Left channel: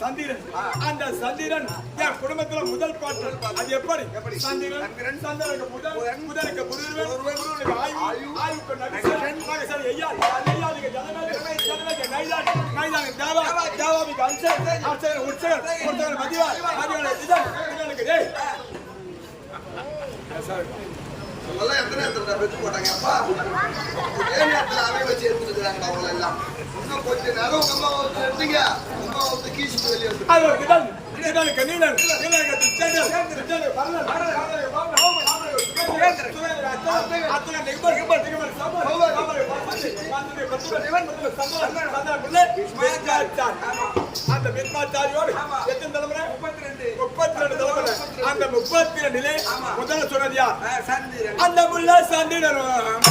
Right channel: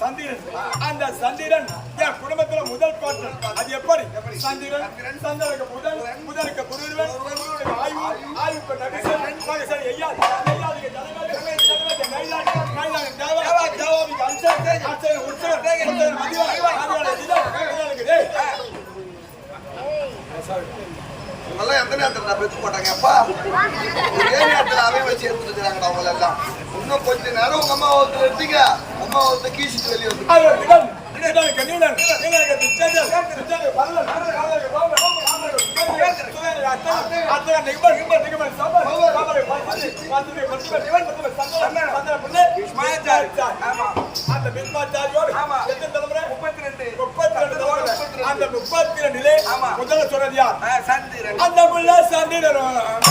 சந்திரன். அந்த சந்திரன் என் குடும்பத்துல முதல் பாட்டு. அது எப்படி? சந்திரன் சந்திரனுக்கு முதலுக்கு குருவன், குருவனுக்கு ஆயுக்கு நகசன், ஐயாவுக்கு ஜனநாயக நைதான் தேவாதிக்கு அன்சன் உற்சவன் மதியா உங்கெல்லாம் எந்த நேரத்துல பெத்து போட்டாங்க அப்பா? ஒரே நேரத்துல அவை வச்சு எடுத்துட்டு இருக்கிறாங்கடா உங்களை எல்லாம். இன்னும் கொஞ்ச நேரம் உங்க அம்மா ஒருத்தர் எடுத்தீங்க, அம்மா ஒருத்தர் கீசிட்டு வெளியே வந்து அந்த பின்பாச்சாரியோடு எத்தனை தலைமுறை? 32 அந்த 32 முதல்ல சொன்னது யார்? சந்திரன். அந்த முள்ள சந்திரனும்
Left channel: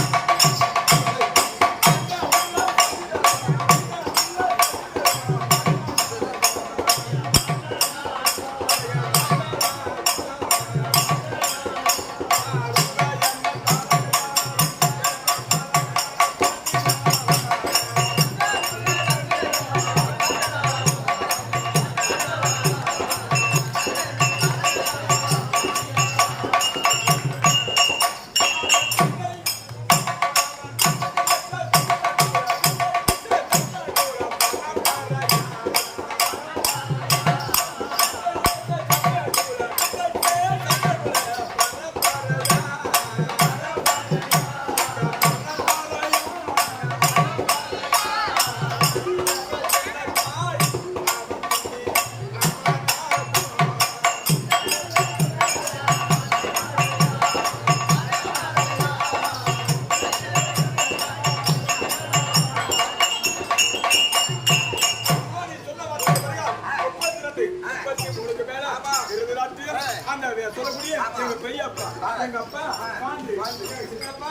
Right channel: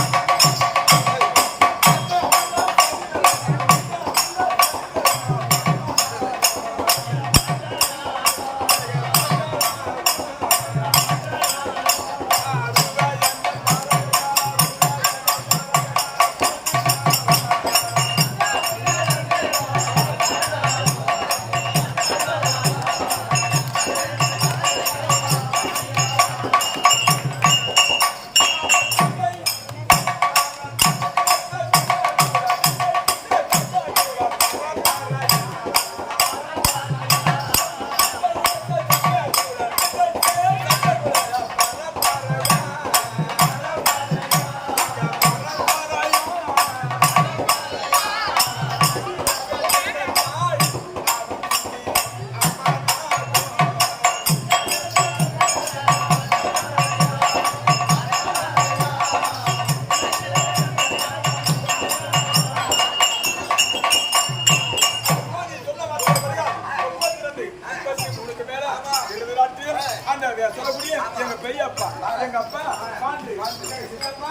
சொல்லக்கூடிய எங்க பெரியப்பா, எங்க அப்பா, சித்தப்பா,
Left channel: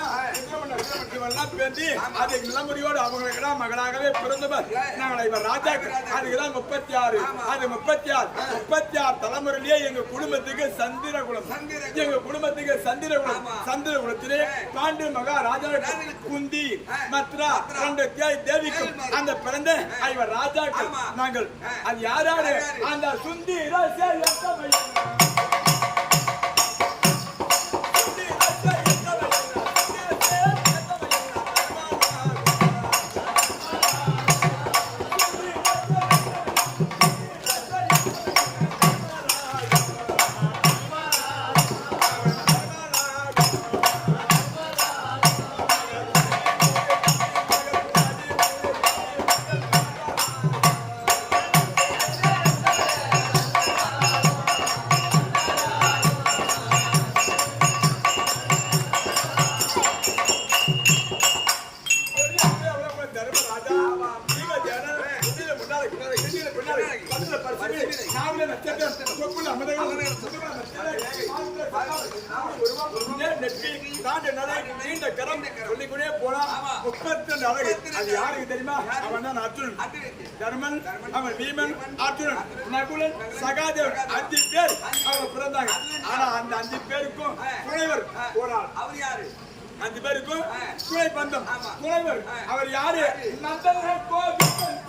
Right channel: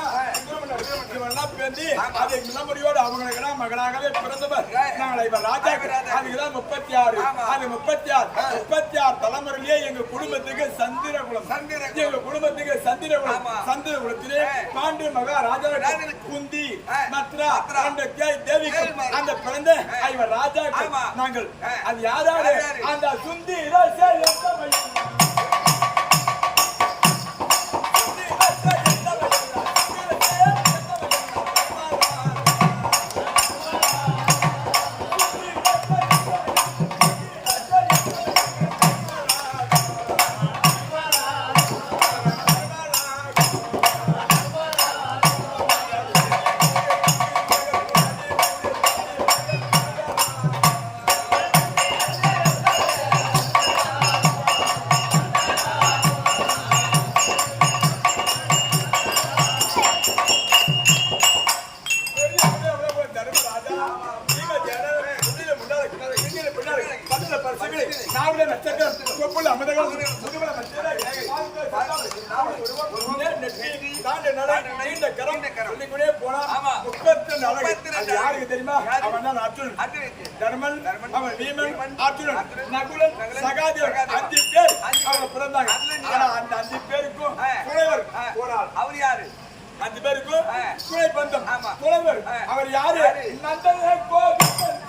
அது நிலமுறையோடு அவங்களுக்கு மகளாகவே பிறந்தவர். நாங்கள் இவர் ராஜா. அதுக்குதான் 36. அது 36 தலைமுறையிலேயே எங்க குடும்பத்துக்கு சந்திரகுலம். எங்க குடும்பத்துக்கு சந்திரகுலம். சந்திரகுலத்திலே பாண்டு மகாராஜா குந்தி மத்ரா 2 தேவிகள் அந்த பிறந்த இவர் ராஜா. நாங்கள் அது யாராரு? அந்த சுந்தி யாருக்கு தெரியுமா? அவன் தான் அர்ஜுனன், தர்மன், அவன் வீமன், அர்ஜுனன், நகுலன், சகாதேவன் 5 பேர் அவங்க பிறந்தாங்க. ஆனா அந்த 5 பேருக்கும் துணைவர் ஒரு ஆள். அவர் யாரு? 5 பேருக்கும் துணை பந்தம் துணைவர். அவர் யாரு? நந்தன் கோவிந்தன்.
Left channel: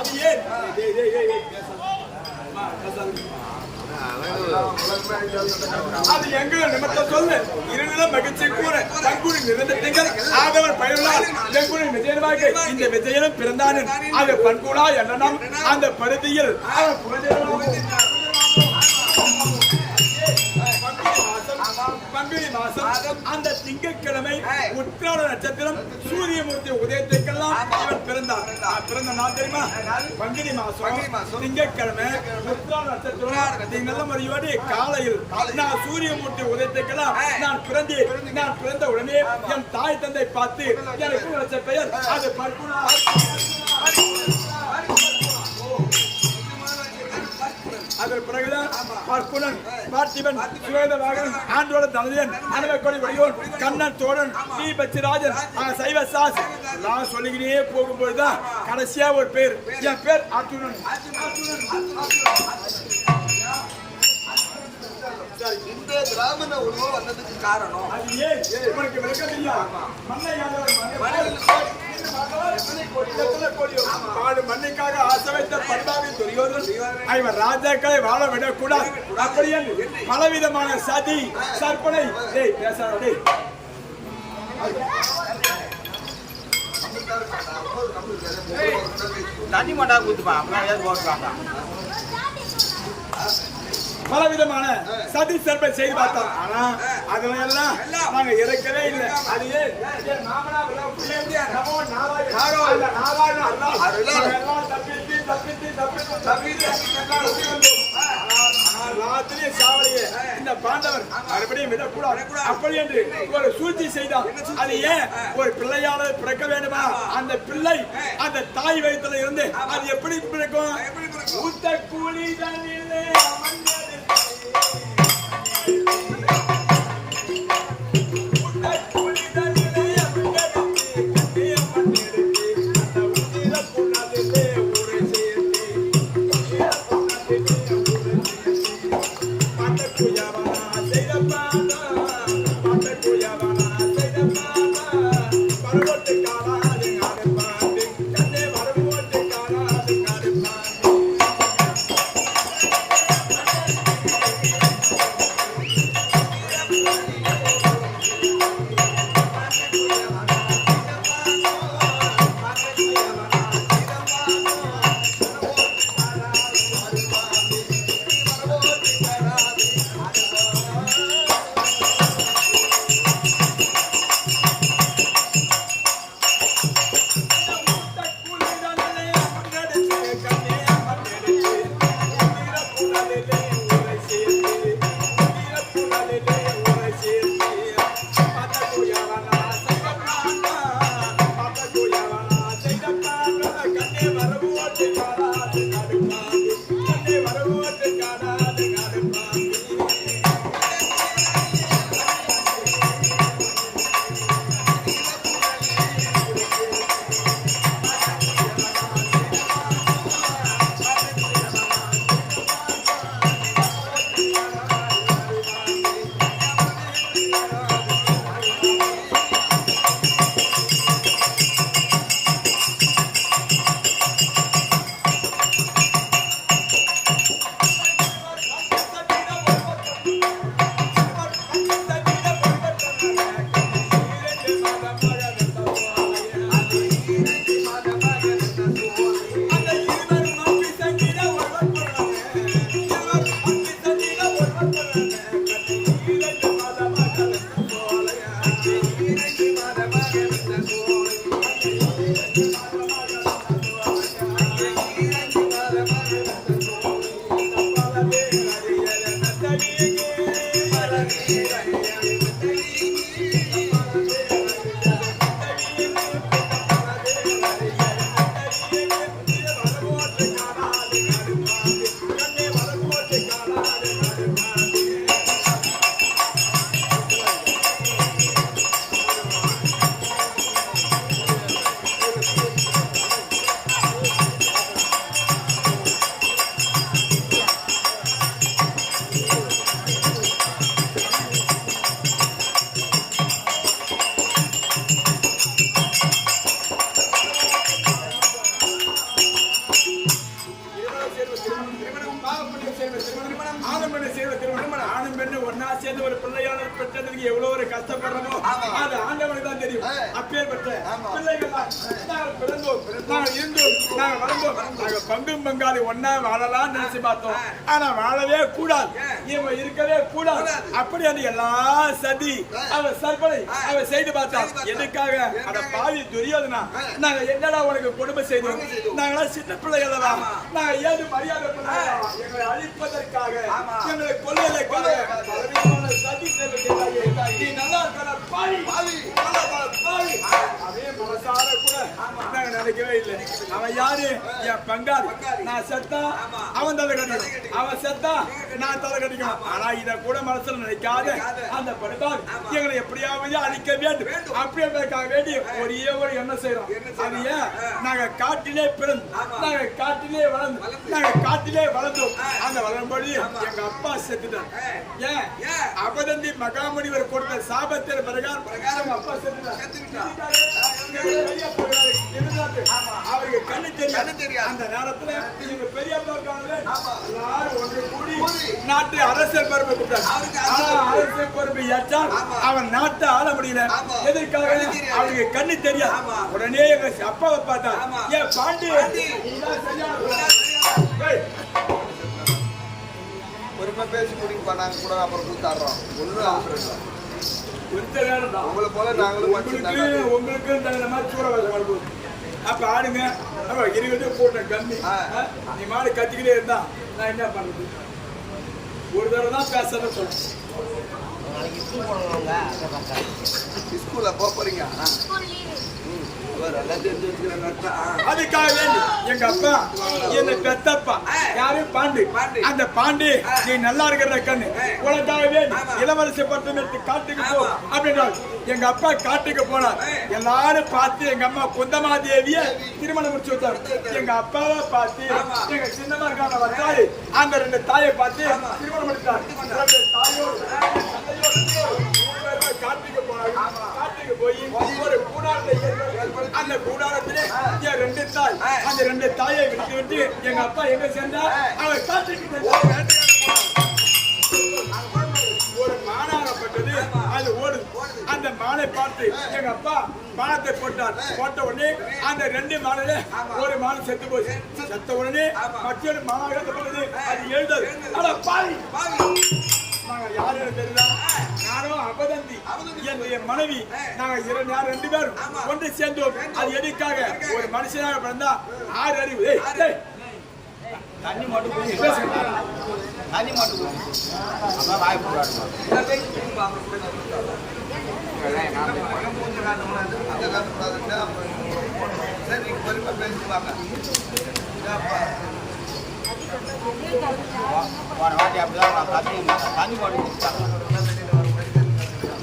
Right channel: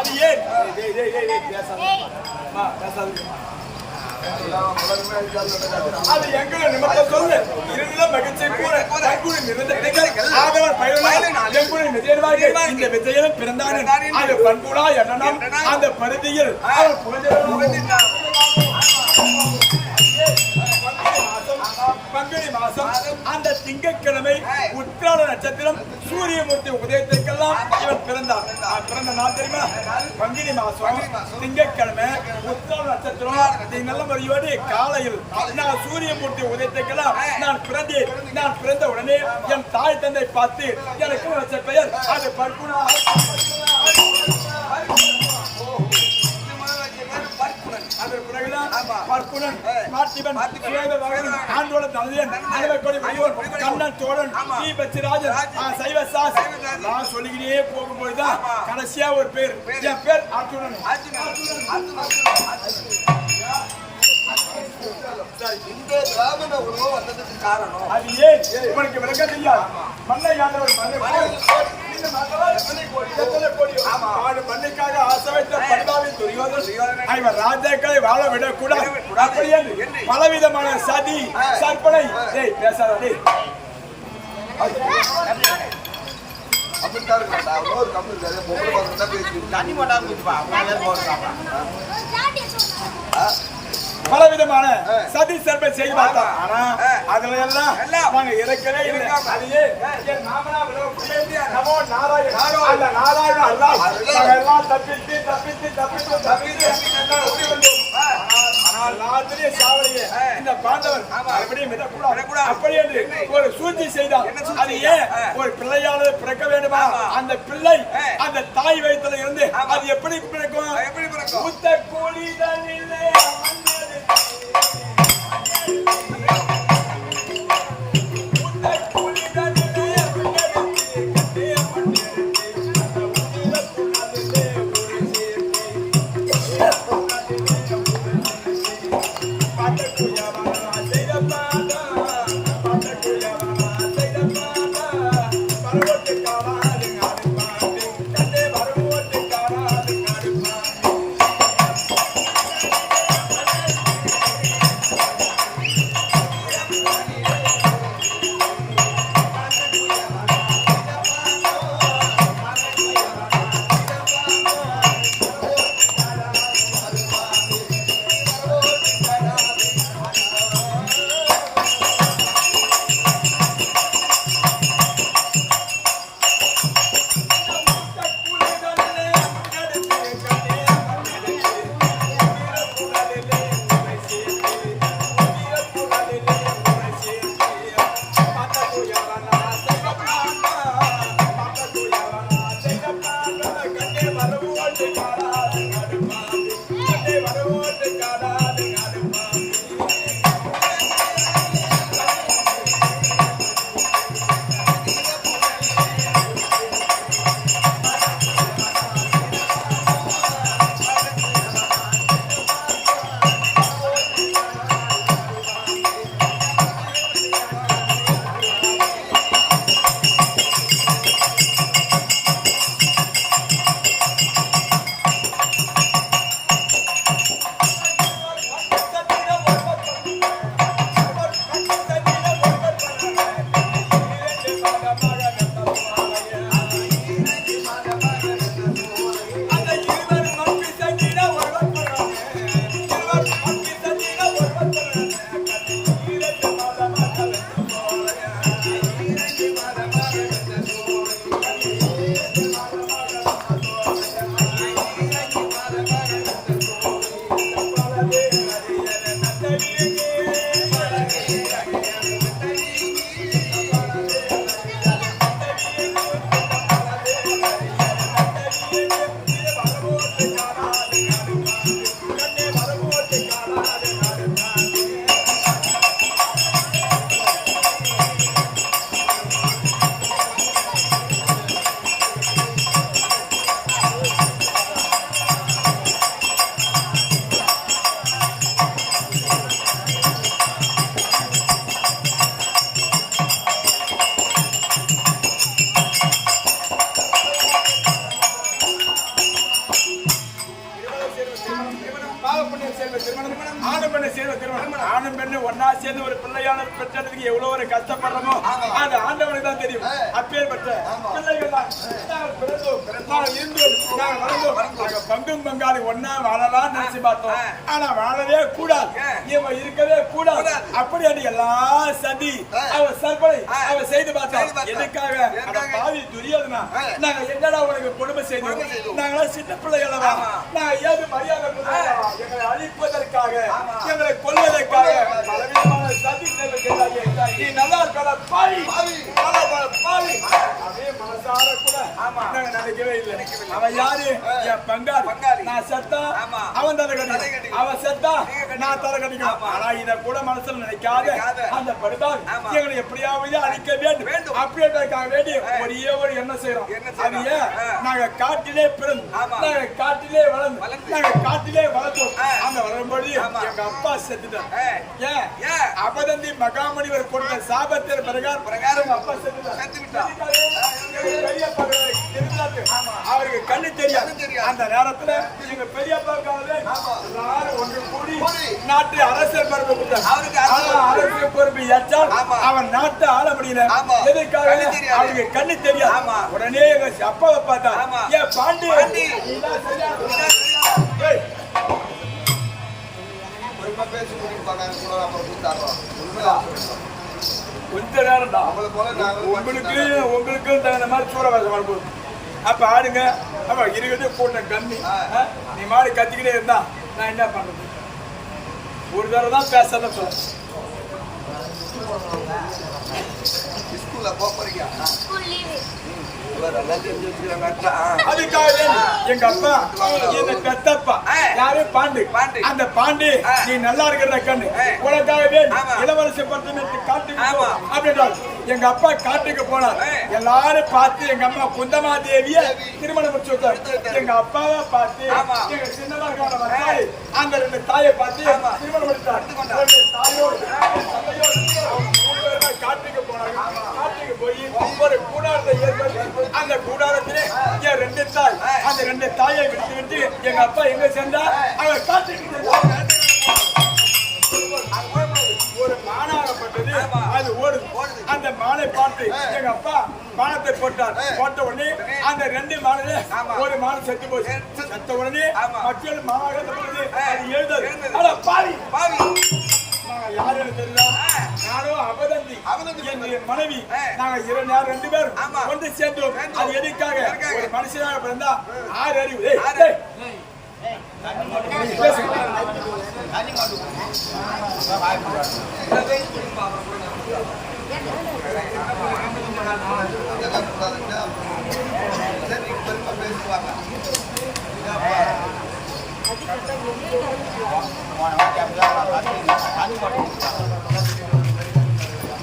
அது ஏன் அது எங்களை நிமித்த சொல்லு இருநிலம் மகிழ்ச்சி கூற தற்கூறி நிறைந்த திங்கள் ஆதவன் பயிரால் எங்குளை விஜயனாக இந்த விஜயனும் பிறந்தானன் அது பண்புலா என்னும் அந்த பருதியில் அவன் புகழ்ந்தான். பங்குனி மாசம் அந்த திங்கட்கிழமை உத்திராட நட்சத்திரம் சூரியமூர்த்தி உதயத்திற்கெல்லாம் இவன் பிறந்தான். பிறந்த நாள் தெரியுமா? பங்குனி மாசம் திங்கட்கிழமை உத்திராட நட்சத்திரம். நல்ல முறையோடு காலையில் நான் சூரியமூர்த்தி உதயத்திற்கெல்லாம் நான் பிறந்தேன். நான் பிறந்த உடனே என் தாய் தந்தை பார்த்து எனக்கு வச்ச பெயர் அது பர்குணா. அதற்கு பிறகுதான் பர்குணன், பார்த்திபன், சுவேதவாகனன், ஆண்டோட தனதியன், அனுபவக்கொடி வடிவோன், கண்ணன், தோழன், ஸ்ரீ பச்சிராஜன், சைவ சாஸ் நான் சொல்லிக்கிட்டே போகும்போதுதான் கடைசியா ஒரு பேர். என் பேர் அர்ஜுனன். இந்த பிராமண உருவம் வந்ததுக்கு காரணம் அது ஏன் உனக்கு விளக்கம் தெரியாது? மண்ணை ஆண்டவர் மண்ணுக்காக ஆசை வைத்த பரிதாபின் துரியோதனன் இவர் ராஜாக்களை வாழ விடக்கூடாது அப்படி என்று பலவிதமான சதி சற்பனை பேசாதே. தண்ணி மாட்டா கொடுத்துப்பா பலவிதமான சதி சர்பை செய்து பார்த்தோம். ஆனா அதுல எல்லாம் நாங்க இறக்கவே இல்லை. அதையே எல்லாத்திலையும் சாவலையே இந்த பாண்டவர் மறுபடியும் விடக்கூடாது அப்படி என்று ஒரு சூழ்ச்சி செய்தார். அது ஏன் ஒரு பிள்ளையானது பிறக்க வேண்டுமா? அந்த பிள்ளை அந்த தாய் வயிற்றுல இருந்து அது எப்படி பிறக்கும்? ஊத்த கூலிதனிலே பெண்ணு சேர்ந்த திருமணம் ஆணும் பெண்ணு சேர்ந்த திருமணம் ஆணும் பெண்ணு ஒன்னா சேர்ந்து ஒரு பிள்ளையான பெற்றதுக்கு எவ்வளவு ஒரு கஷ்டப்படுறோமோ அது ஆண்டவனுக்கு தான் தெரியும். அப்பேற்பட்ட பிள்ளைகள் தான் நாங்கள் பிறந்தோம், நாங்கள் இருந்தோம், நாங்கள் வளர்ந்தோம், நாங்கள் பங்கும் பங்காளி ஒன்னா வாழலாம் நினைச்சு பார்த்தோம். ஆனா வாழவே கூடாது, இவன் இருக்கவே கூடாது. அப்படி அது எல்லாம் சதி அவன் சற்பனை அவன் செய்து பார்த்தான். எதுக்காக? அந்த பாவி துரியோதனா நாங்க என்னடா உனக்கு கொடுமை செய்தோம், நாங்களா சின்ன பிள்ளைகள், நாங்க ஏது மரியாதை எங்களை அழிப்பதற்காக எங்களை கொல்வதற்காக பலவிதமான சதி நீ நல்லா இருக்க பாவி பாவி அதே மனசார கூட நாங்க நினைக்கவே இல்லை. அவன் யாரு? என் பங்காளி. நான் செத்தா அவன் தலை கட்டிக்கணும், அவன் செத்தா நான் தலை கட்டிக்கணும். ஆனா இத கூட மனசுல நினைக்காத அந்த படுபால் எங்களை எப்படியாவது அழிக்க வேண்டும் அப்படின்றதுக்காக வேண்டி ஒரே ஒரு எண்ணம் செய்யறோம். அது ஏன்? நாங்க காட்டிலே பிறந்து, நாங்க காட்டிலே வளர்ந்து, நாங்க காட்டிலே வளர்ந்தோம். அந்த வளரும்படி எங்க அப்பா செத்துட்டார். ஏன்? அபதந்தி மகாமுனிவர் கொடுத்த சாபத்தின் பிரகாரம் அப்பா செத்துட்டார். அவருக்கு கண்ணு தெரியாது. அந்த நேரத்துல எங்க பெரியப்பா எல்லாரும் ஒன்று கூடி நாட்டு அரசியல் பொறுப்பு கொடுத்தார். அரசியல் பொறுப்பு ஏற்றால் அவன் நாட்டை ஆள முடியல. எதற்காக? அவருக்கு கண்ணு தெரியாது. உடனே எங்க அப்பாவை பார்த்தா, ஏன் பாண்டி பொறுமை பேசி முடிவு பண்ணாங்க கூட அப்புறம் கூத்தாடுறோம். கொஞ்ச நேரம் தான் உங்களுக்கு தகுந்த மாதிரி சூறவாசம் வரும்போது அப்ப ஆடுங்க. அப்ப இருக்கிறது கூட்டம் கம்மி. நீ மாடி கத்திக்கிட்டே இருந்தா நான் என்ன பண்றது? ஒரு தடவை தான் பேசாத சொல்ல. ஸ்கூல்ல போறீங்க? அதுக்காக எங்க அப்பா என்ன பெத்தப்பா யாரு? பாண்டி. அந்த பாண்டி நீ நல்லா இருக்கிற கண்ணு உனக்காகவே இளவரசி பட்டு காட்டுக்கு போ அப்படின்றால் எங்க அப்பா காட்டுக்கு போனார். எல்லாரும் பார்த்து எங்க அம்மா குந்தமாதேவிய திருமணம் முடிச்சு வச்சார். எங்க அப்பாவை பார்த்து எங்க சின்னமா இருக்காங்க அந்த ரெண்டு தாயை பார்த்து திருமணம் முடித்தார். தாயோடு மூணு பேருமே காட்டுக்கு போனாங்க. காட்டுக்கு போய் ஒரு கூடாரத்தை ஏற்படுத்தி அந்த கூடாரத்திலே என் ரெண்டு தாய், அந்த ரெண்டு தாயை விட்டு விட்டு எங்க அப்பா எங்க சென்றா அவங்க காட்டுக்கு ஒரு மானாகப்பட்டது. அது ஓடுது. அந்த மானை பார்த்து எங்க அப்பா பானத்தை போட்டார். போட்ட உடனே அந்த ரெண்டு மானில ஒரு மான் செத்து போச்சு. செத்த உடனே மற்றொரு மானாகப்பட்டது. அது எழுதாது. ஆனா பாவி யாரு தெரியல. நானும் அபதந்தி என் மனைவி நாங்க ரெண்டு பேரும் ஒன்று சேர்ந்தோம். அது எதுக்காக? ஒரு மனுஷனாக பிறந்தா 6 அறிவு. தண்ணி மட்டும்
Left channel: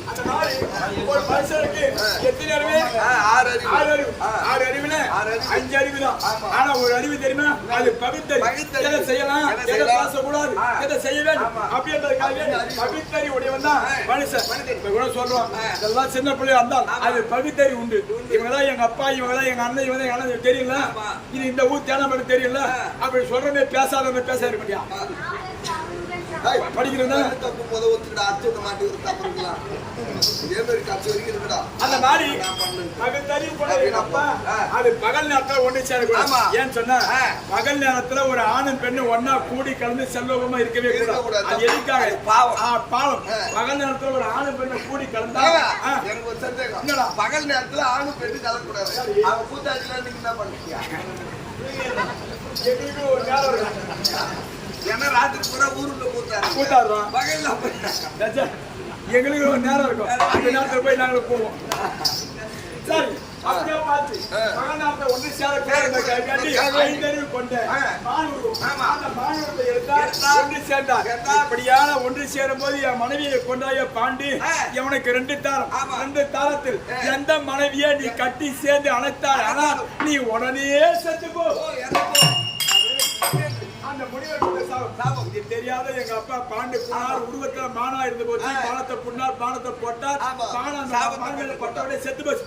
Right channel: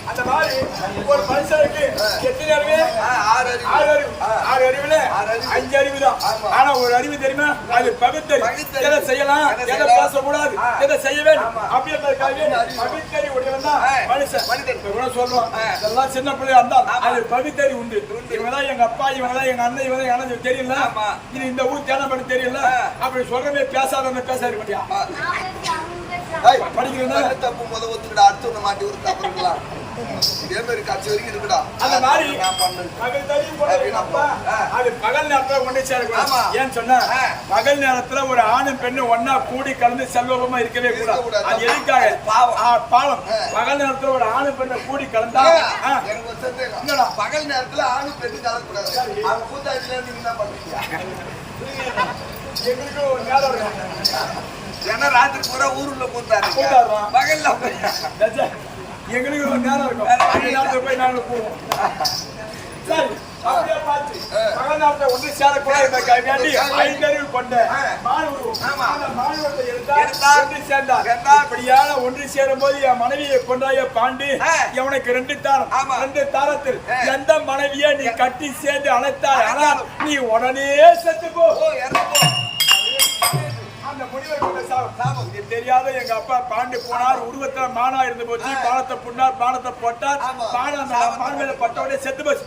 அந்த மாதிரி ஒரு மனுஷனுக்கு எத்தனை அறிவு? 6 அறிவு. 6 அறிவுல 5 அறிவு தான். ஆனா ஒரு அறிவு தெரியுமா? அது பகுத்தறிவு. எதை செய்யலாம், எதை பேசக்கூடாது, எதை செய்ய வேண்டும் அப்படின்றதுக்காக பகுத்தறிவு உடையவன் தான் மனுஷன். சொல்றோம் இதெல்லாம் சின்ன பிள்ளையா இருந்தால் அது பகுத்தறிவு உண்டு. இவங்கதான் எங்க அப்பா, இவங்கதான் எங்க அண்ணன், இவங்க எங்க அண்ணன் தெரியல. இது இந்த ஊர் தேனம் பண்ண தெரியல. அப்படி சொல்றமே பேசாதவங்க பேச மாட்டியா? படிக்கிறதா தப்பு முத ஒத்துக்கிட அடுத்து ஒண்ணு மாட்டி ஒரு தப்பு இருக்கலாம். இதே மாதிரி கட்சி வரைக்கும் இருக்குடா. அந்த மாதிரி அது பகல் நேரத்துல ஒண்ணு சேரக்கூடாது. ஏன்னு சொன்னா பகல் நேரத்துல ஒரு ஆணும் பெண்ணு ஒன்னா கூடி கலந்து செல்வமா இருக்கவே கூடாது. அது எதுக்காக? பாவம். பகல் நேரத்துல ஒரு ஆணும் பெண்ணை கூடி கலந்தா எனக்கு ஒரு சந்தேகம். என்னடா பகல் நேரத்துல ஆணும் பெண்ணு கலக்கூடாது? அவங்க கூத்தாடில நீங்க என்ன பண்ணுவீங்க? எங்களுக்கு ஒரு நேரம் இருக்கும். ஏன்னா ராத்திரி பூரா ஊருள்ள கூத்தாடுறோம். பகல்ல எங்களுக்கு ஒரு நேரம் இருக்கும். அந்த நேரத்துல போய் நாங்க போவோம். சரி அப்படியே பார்த்து பகல் நேரத்தை ஒன்று சேரக்கூடாது. 5 அறிவு கொண்ட அந்த மாணவத்தை எடுத்தா ஒன்று சேர்ந்தார். இப்படியான ஒன்று சேரும் போது என் மனைவியை கொண்டாய பாண்டி எவனுக்கு 2 தாரம். 2 தாரத்தில் எந்த மனைவியை நீ கட்டி சேர்ந்து அழைத்தாய் ஆனால் நீ உடனே செத்து போ. அந்த முனிவர் சாபம் இது தெரியாத எங்க அப்பா பாண்டி போனார். உருவத்துல மானா இருந்து போச்சு. பானத்தை புண்ணார், பானத்தை போட்டார். பானம் பட்டவனே செத்து போச்சு.